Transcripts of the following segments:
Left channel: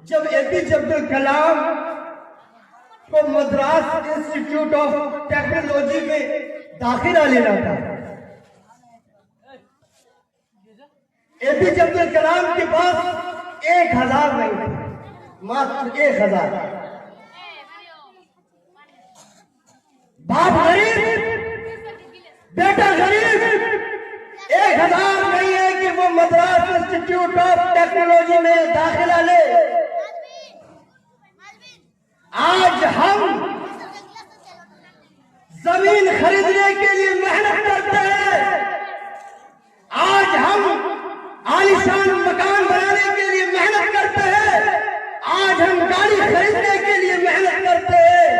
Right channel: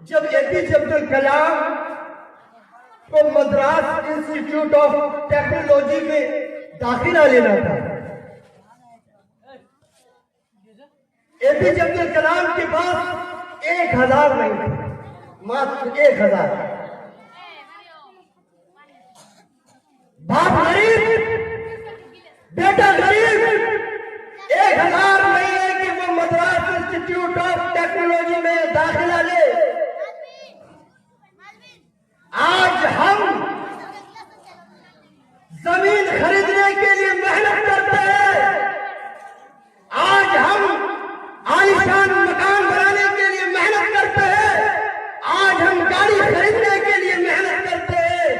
जब एपीजे अब्दुल कलाम को Madras institute of technology में दाखिला लेना था, एपीजे अब्दुल कलाम के पास 1000 नहीं थे, मात्र 1000। बाप गरीब, बेटा गरीब, 1000 नहीं है कि वो मद्रास इंस्टीट्यूट ऑफ टेक्नोलॉजी में दाखिला ले। आज हम जमीन खरीदने के लिए मेहनत करते हैं, आज हम आलीशान मकान बनाने के लिए मेहनत करते हैं, आज हम गाड़ी खरीदने के लिए मेहनत करते हैं,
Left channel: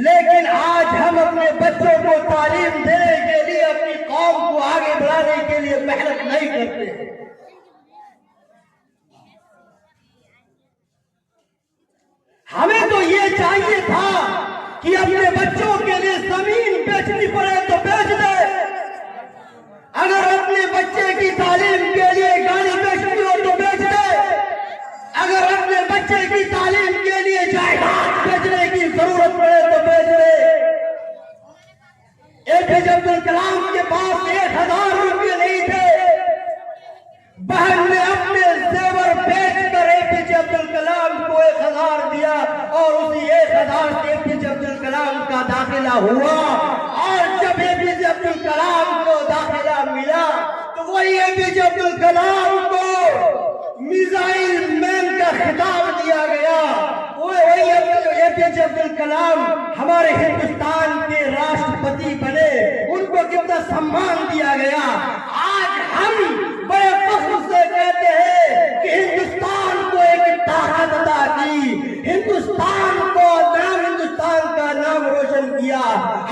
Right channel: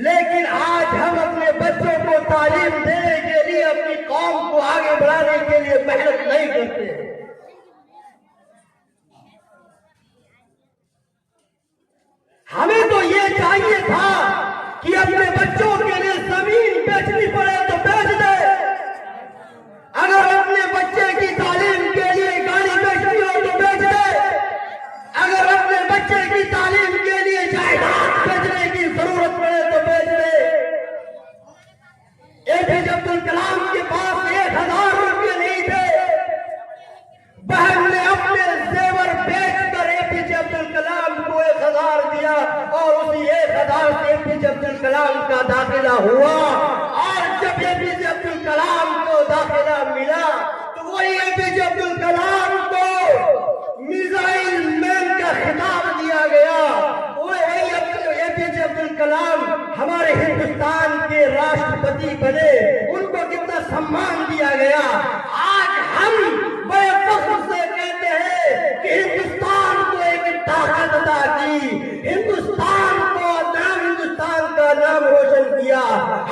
लेकिन आज हम अपने बच्चों को तालीम देने के लिए, अपनी कौम को आगे बढ़ाने के लिए मेहनत नहीं करते। हमें तो ये चाहिए था कि अपने बच्चों के लिए जमीन बेचनी पड़े तो बेच दे, अगर अपने बच्चे की तालीम के लिए गाड़ी बेचनी हो तो बेच दे, अगर अपने बच्चे की तालीम के लिए जायदाद बेचने की जरूरत पड़े तो बेच दे। एपीजे अब्दुल कलाम के पास 1000 रुपये नहीं थे, बहन ने अपने जेवर बेचकर एपीजे अब्दुल कलाम को 1000 दिया और उसी 1000 से एपीजे अब्दुल कलाम का दाखिला हुआ। और जब एपीजे अब्दुल कलाम को दाखिला मिला तो वही एपीजे अब्दुल कलाम को मिसाइल मैन का खिताब दिया गया। वही एपीजे अब्दुल कलाम हमारे हिंदुस्तान के राष्ट्रपति बने, उनको कितना सम्मान दिया गया। आज हम बड़े फख्र से कहते हैं कि हिंदुस्तान को एक ताकत अदा की, हिंदुस्तान को हिंदुस्तान का नाम रोशन किया।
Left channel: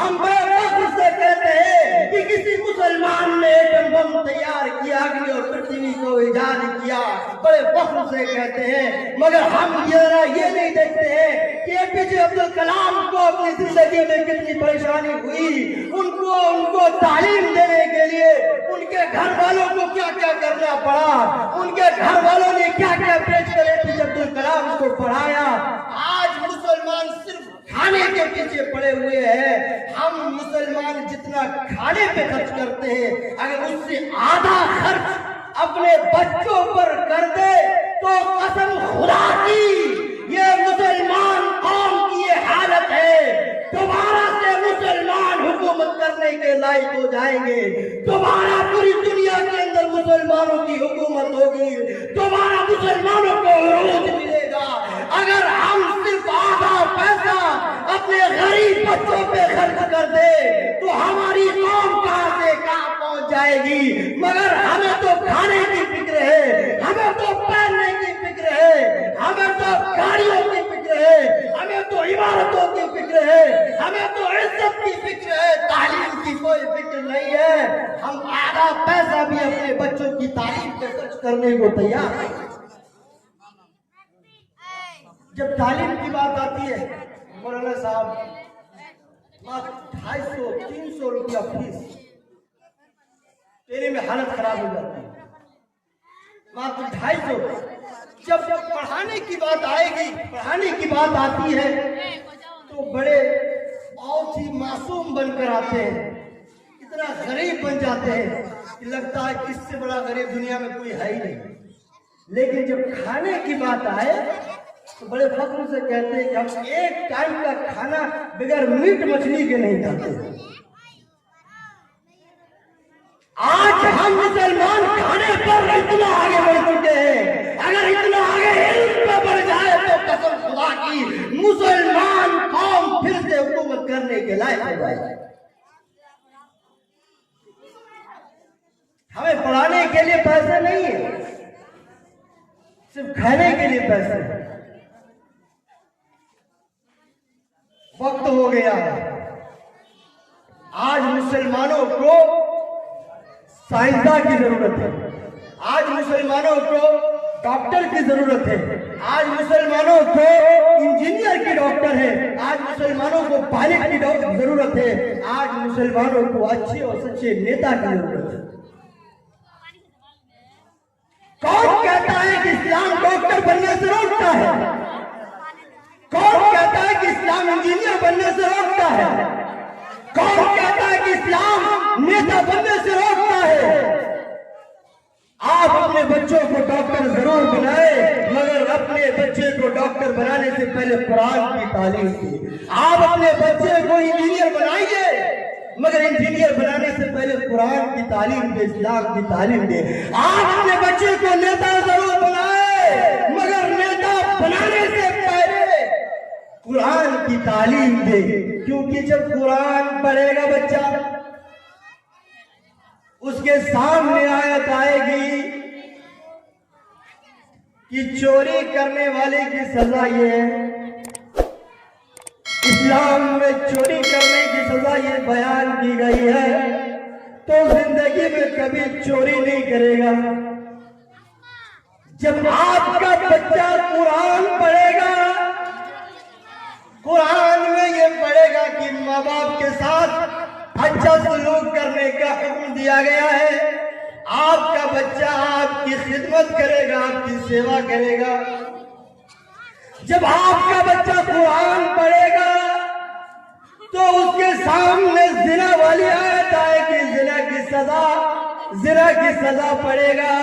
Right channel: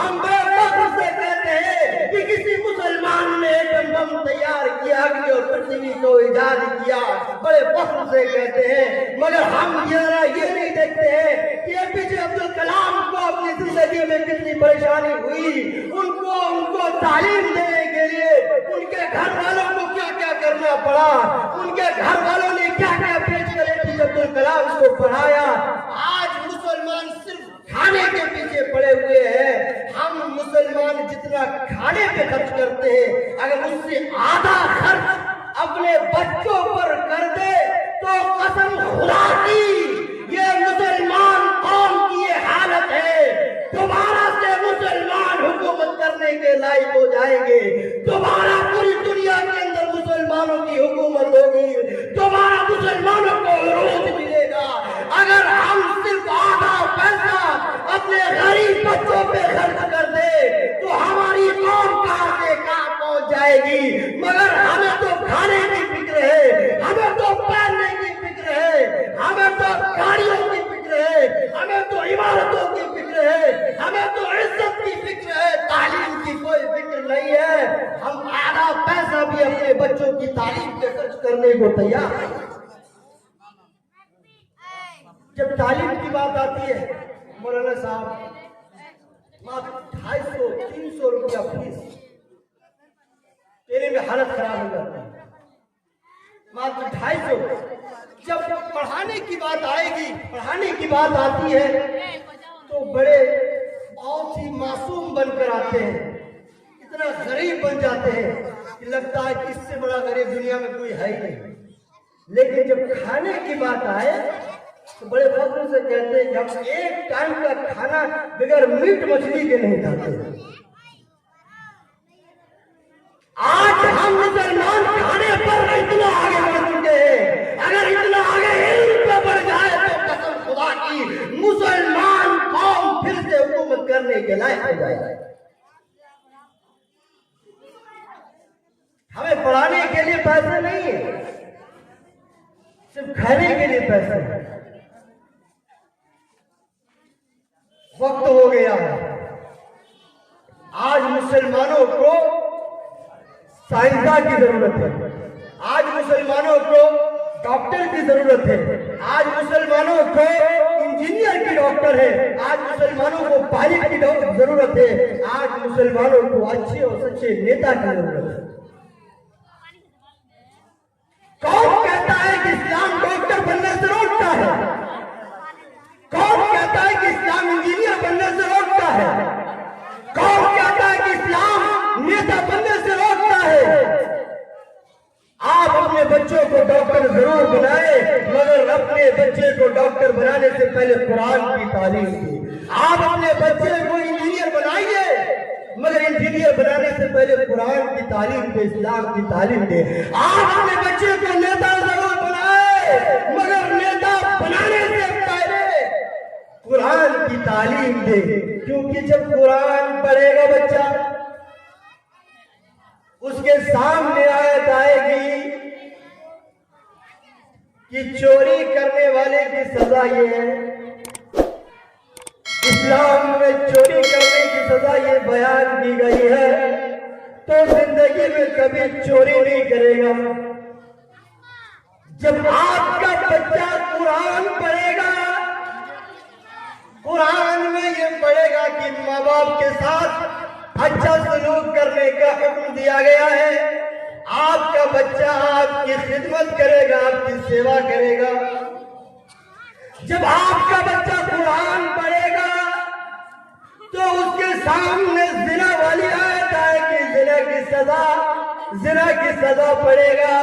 हम बड़े फख्र से कहते हैं कि किसी मुसलमान ने एटम बम तैयार किया, अग्नि और पृथ्वी को ईजाद किया, बड़े फख्र से कहते हैं। मगर हम ये नहीं देखते हैं कि एपीजे अब्दुल कलाम को अपनी जिंदगी में कितनी परेशानी हुई, उनको तालीम देने के लिए उनके घर वालों को क्या क्या करना पड़ा, उनके घर वालों ने क्या क्या बेचकर एपीजे अब्दुल कलाम को पढ़ाया। आज मुसलमान सिर्फ खाने के पीछे पड़े हुए हैं। हम मुसलमान जितना खाने पे खर्च करते हैं, अगर उससे आधा खर्च अपने बच्चों पर कर दे तो कसम खुदा की ये मुसलमान कौम की ये हालत है, दोबारा से मुसलमान हुकूमत करने के लायक हो जाएंगे, दोबारा पूरी दुनिया के अंदर मुसलमानों की हुकूमत होगी, दोबारा मुसलमानों को विरोध मिलेगा। अगर हम सिर्फ आधा पैसा अपने गरीब बच्चों पे खर्च कर दे तो हमारी कौम कहां से कहां पहुंच जाएगी। मगर हमें तो खाने की फिक्र है, हमें तो पहनने की फिक्र है, हमें तो गाड़ियों की फिक्र है, हमें तो इमारतों की फिक्र है, हमें तो इज्जत की फिक्र है, तालीम की कोई फिक्र नहीं है। हम आधा पैसा भी अपने बच्चों की तालीम पे खर्च करने को तैयार हैं। जब तालीम की बात आती है, मौलाना साहब मात्र 250-300 रुपया फीस देने में हालत खराब हो जाती है, मात्र 250। जब पढ़ाने की बात आएगी, पढ़ाने की बात आती है तो बड़े बहुत ही मासूम बनकर आते हैं, इतना गरीब बन जाते हैं कि लगता है कि इससे बड़ा गरीब दुनिया में कोई है ही नहीं। लेकिन जब खाने की बात आए तो बड़े फख्र से कहते हैं कि हम एक टाइम का खाना बगैर मीट मछली के नहीं खाते। आज हम मुसलमान खाने पर इतना आगे बढ़ चुके हैं, अगर इतना आगे इल्म पे बढ़ जाए तो कसम खुदा की मुसलमान कौम फिर से हुकूमत करने के लायक हो जाए। हमें पढ़ाने के लिए पैसे नहीं है, सिर्फ खाने के लिए पैसे हैं। वक्त हो गया, आज मुसलमानों को साइंसदान की जरूरत है, आज मुसलमानों को डॉक्टर की जरूरत है, आज मुसलमानों को इंजीनियर की डॉक्टर है, आज मुसलमानों को पायलट की जरूरत है, आज मुसलमानों को अच्छे और सच्चे नेता की जरूरत है। कौन कहता है कि इस्लाम डॉक्टर बनने से रोक बनाने से पहले कुरान की तालीम दी। आप अपने बच्चे को इंजीनियर बनाइए, मगर इंजीनियर बनाने से पहले कुरान की तालीम दे, इस्लाम की तालीम दे। आप अपने बच्चे को नेता जरूर बनाए, मगर नेता बनाने से पहले कुरान की तालीम दे। क्योंकि जब कुरान पढ़ेगा बच्चा, उसके सामने आयत आएगी कि चोरी करने वाले की सजा ये है। इस्लाम में चोरी करने की सजा ये बयान की गई है, तो जिंदगी में कभी चोरी नहीं करेगा। जब आपका बच्चा कुरान पढ़ेगा, कुरान में ये पढ़ेगा कि माँ बाप के साथ अच्छा सलूक करने का हुक्म दिया गया है। आपका बच्चा आपकी खिदमत करेगा, आपकी सेवा करेगा। जब आपका बच्चा कुरान पढ़ेगा तो उसके सामने जिना वाली आयत आएगी, जिना की सजा पड़ेगा,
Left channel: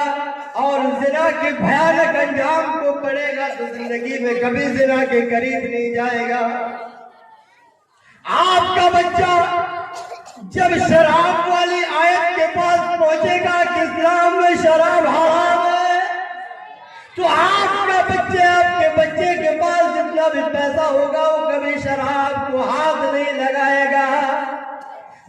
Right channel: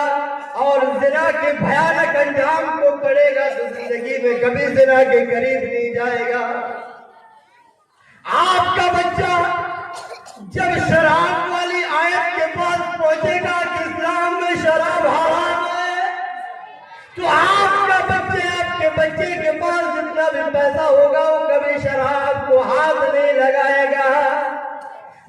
और जिना के भयानक अंजाम को पड़ेगा तो जिंदगी में कभी जिना के करीब नहीं जाएगा। आपका बच्चा जब शराब वाली आयत के पास पहुंचेगा कि इस्लाम में शराब हराम है, तो आपके बच्चे के पास जितना भी पैसा होगा वो कभी शराब को हाथ नहीं लगाएगा।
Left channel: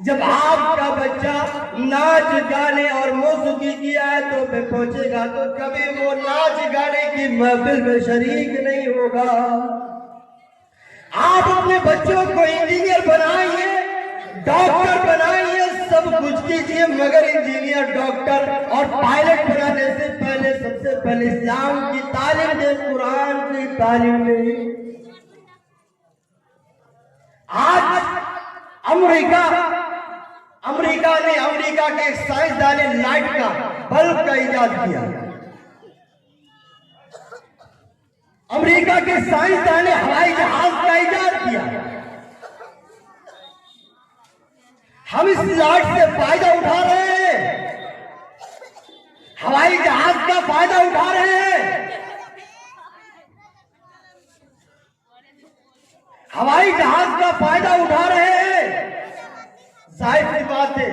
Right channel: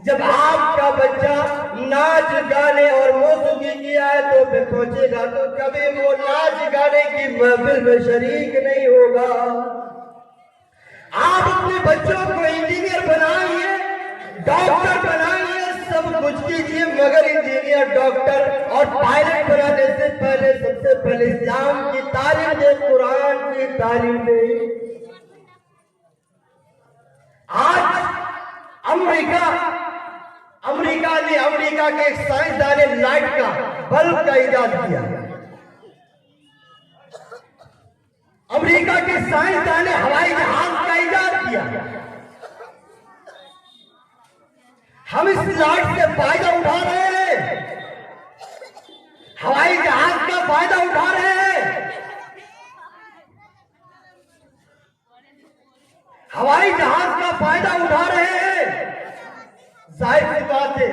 जब आपका बच्चा नाच गाने और मौसीकी की आयतों पे पहुंचेगा तो कभी वो नाच गाने की महफिल में शरीक नहीं होगा। आप अपने बच्चों को इंजीनियर बनाइए, डॉक्टर बनाइए, सब कुछ कीजिए, मगर इंजीनियर, डॉक्टर और पायलट बनाने से पहले सबसे पहले इस्लाम की तालीम दे, कुरान की तालीम दे। आज अमेरिका के एक साइंसदान ने लाइट का बल्ब का इजाद किया। अमेरिका के साइंसदान ने हवाई जहाज का इजाद किया। हम इस लाइट से फायदा उठा रहे हैं, हवाई जहाज का फायदा उठा रहे हैं। हवाई जहाज का फायदा उठा रहे हैं। जाहिर सी बात है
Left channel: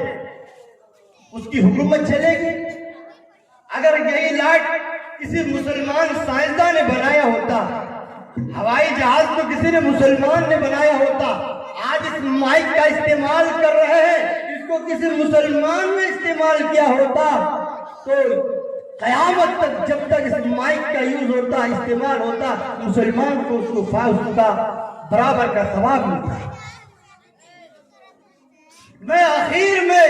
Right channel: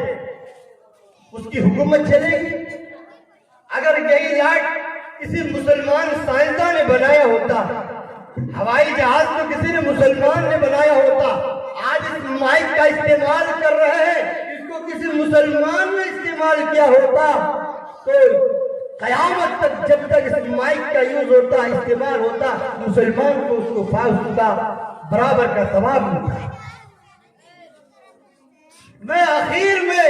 उसकी हुकूमत चलेगी। अगर यही लाइट किसी मुसलमान साइंसदान ने बनाया होता, हवाई जहाज तो किसी ने मुसलमान ने बनाया होता। आज इस माइक का इस्तेमाल कर रहे हैं, इसको किसी मुसलमान ने इस्तेमाल किया होता तो कयामत तक जब तक इस माइक का यूज होता, इस्तेमाल होता, मुसलमान को उसका बराबर का सवाब मिलता। मैं आखिर में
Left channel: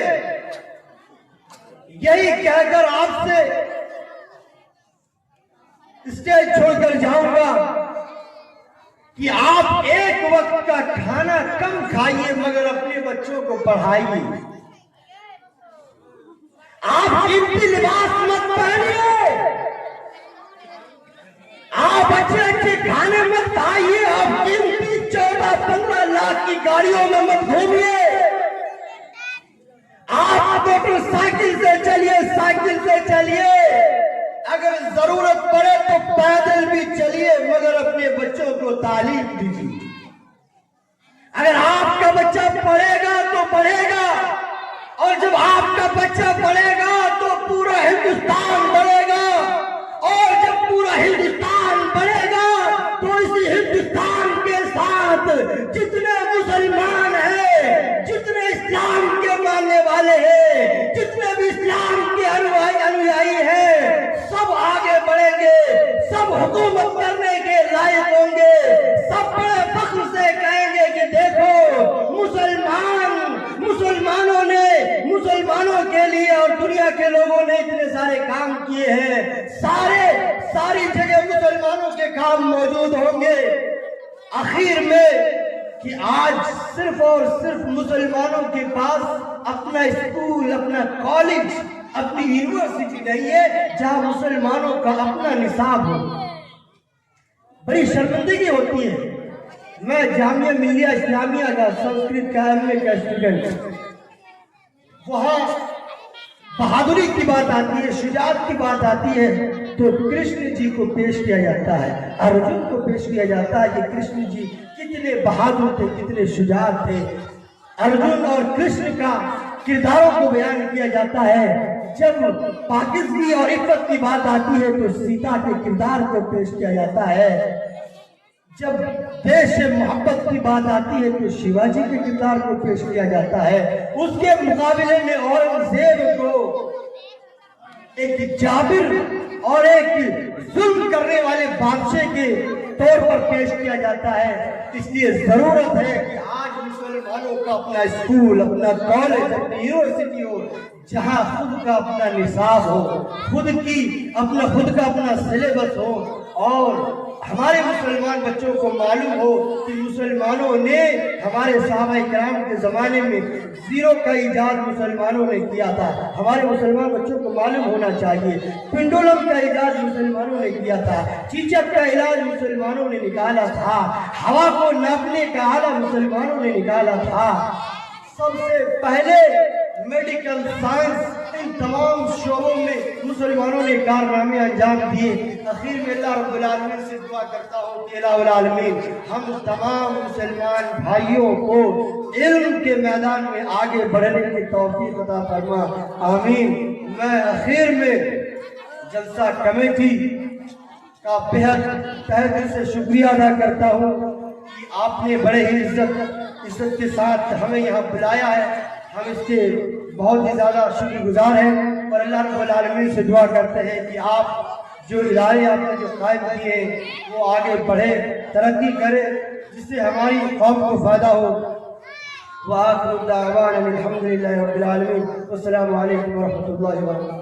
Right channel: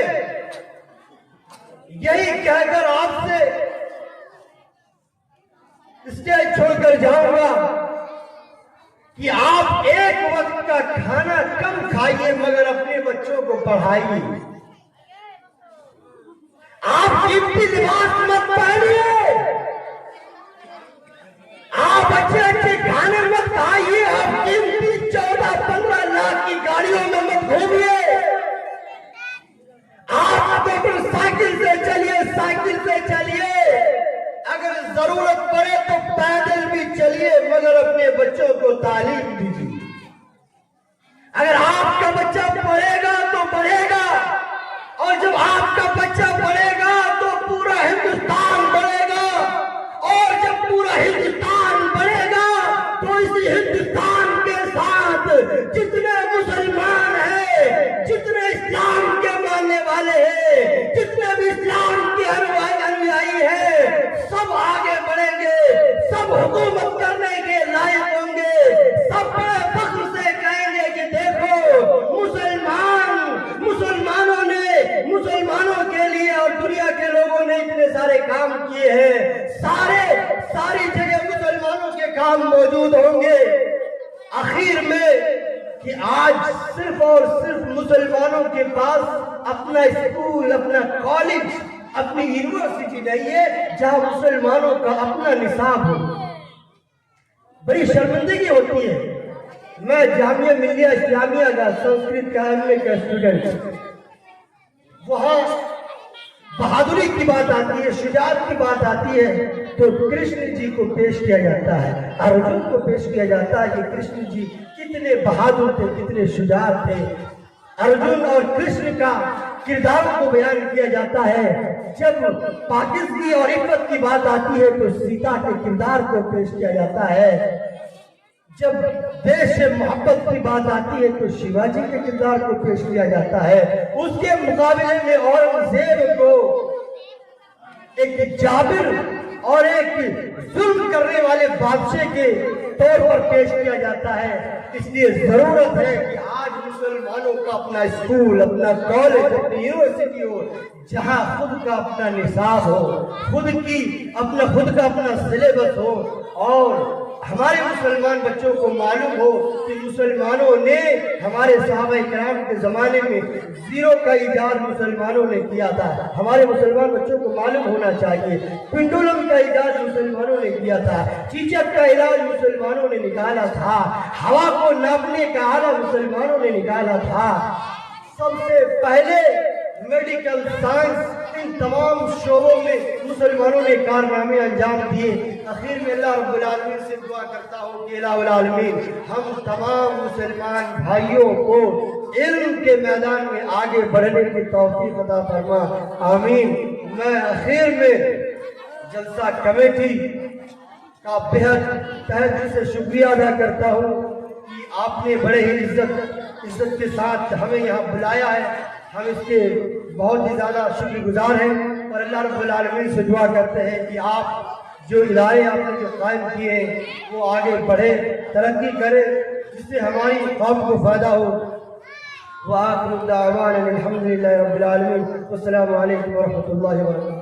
यही कहकर आपसे स्टेज छोड़कर जाऊंगा कि आप एक वक्त का खाना कम खाइए, मगर अपने बच्चों को पढ़ाइए। आप कीमती लिबास मत पहनिए, आप अच्छे खाने मत खाइए, आप कीमती 14-15 लाख की गाड़ियों में मत घूमिए। आप मोटरसाइकिल से चलिए, साइकिल से चलिए, अगर जरूरत पड़े तो पैदल भी चलिए, मगर अपने बच्चों को तालीम दीजिए। अगर आपका बच्चा पढ़ेगा तो बढ़ेगा, और जब आपका बच्चा पढ़ेगा तो पूरा हिंदुस्तान बढ़ेगा, और जब पूरा हिंदुस्तान बढ़ेगा तो इसी हिंदुस्तान के साथ जितने मुसलमान हैं, जितने इस्लाम के मानने वाले हैं, जितने भी इस्लाम के अनुयायी हैं, सब आगे बढ़ेंगे, सब हुकूमत करने के लायक होंगे, सब बड़े फख्र से कहेंगे कि देखो मुसलमानों के लिए और दुनिया के लोगों ने इतने सारे काम किए हैं। सारी जगह मुसलमानों के काम मौजूद होंगे। आखिर में कि आज सिर्फ और सिर्फ मुसलमानों के पास अपना स्कूल, अपना कॉलेज, अपनी यूनिवर्सिटी नहीं है जहां मुसलमानों का अपना निसाब हो। बड़ी शर्मिंदगी होती है। मैं जामिया मिलिया इस्लामिया का संस्कृत का एमए का स्टूडेंट, वहां बहादुरी की बात आती है, शुजाअत की बात आती है, तो कृष्ण जी को पेश किया जाता है, अर्जुन को पेश किया जाता है कि कृष्ण जी कितने बहादुर थे, कितने शुजाअत थे। अर्जुन और कृष्ण का किरदारों को बयान किया जाता है। जब पाकिस्तानी और इज्जत की बात आती है तो सीता के किरदार को पेश किया जाता है। जब देश से मोहब्बत की बात आती है तो शिवाजी के किरदार को पेश किया जाता है। उसके मुकाबले में औरंगजेब को एक जाबिर और एक जुल्म करने वाले बादशाह के तौर पर पेश किया जाता है। इसलिए जरूरत है कि आज मुसलमानों का अपना स्कूल, अपना कॉलेज, अपनी यूनिवर्सिटी हो, जहां खुद का अपना निसाब हो, खुद का अपना सिलेबस हो, और हमारे मुसलमान बच्चों को मालूम हो कि मुसलमानों ने, हमारे सहाबा किराम के जमाने में जीरो का इजाद मुसलमानों ने किया था। हमारे मुसलमान बच्चों को मालूम होना चाहिए पिंडुलम का इजाद मुसलमानों ने किया था, चीचक का इलाज मुसलमानों ने निकाला था, हवा को नापने का आला मुसलमानों ने निकाला था। सबसे पहले मेडिकल साइंस, इन तमाम शोबों में मुसलमानों ने कारनामे अंजाम दिए। आखिर में अल्लाह रब्बुल आलमीन से दुआ करता हूँ कि इलाहुल आलमीन हम तमाम मुसलमान भाइयों को इल्म के मैदान में आगे बढ़ने की तौफीक अता फरमा, आमीन। मैं आखिर में जलसा कमेटी का बेहद तहे दिल से शुक्रिया अदा करता हूँ कि आपने बड़े ही इज्जत के साथ हमें यहाँ बुलाया है। हम इसके बहुत ही ज़्यादा शुक्रगुजार हैं और अल्लाह रब्बुल आलमीन से दुआ करते हैं कि आप जो इदारे आपने जो कायम किए वो आगे बढ़े, तरक्की करे, जिससे हमारी कौम को फायदा हो। व आखिरु दावाना अनिल हम्दुलिल्लाहि रब्बिल आलमीन। अस्सलामु अलैकुम व रहमतुल्लाहि व बरकातहू।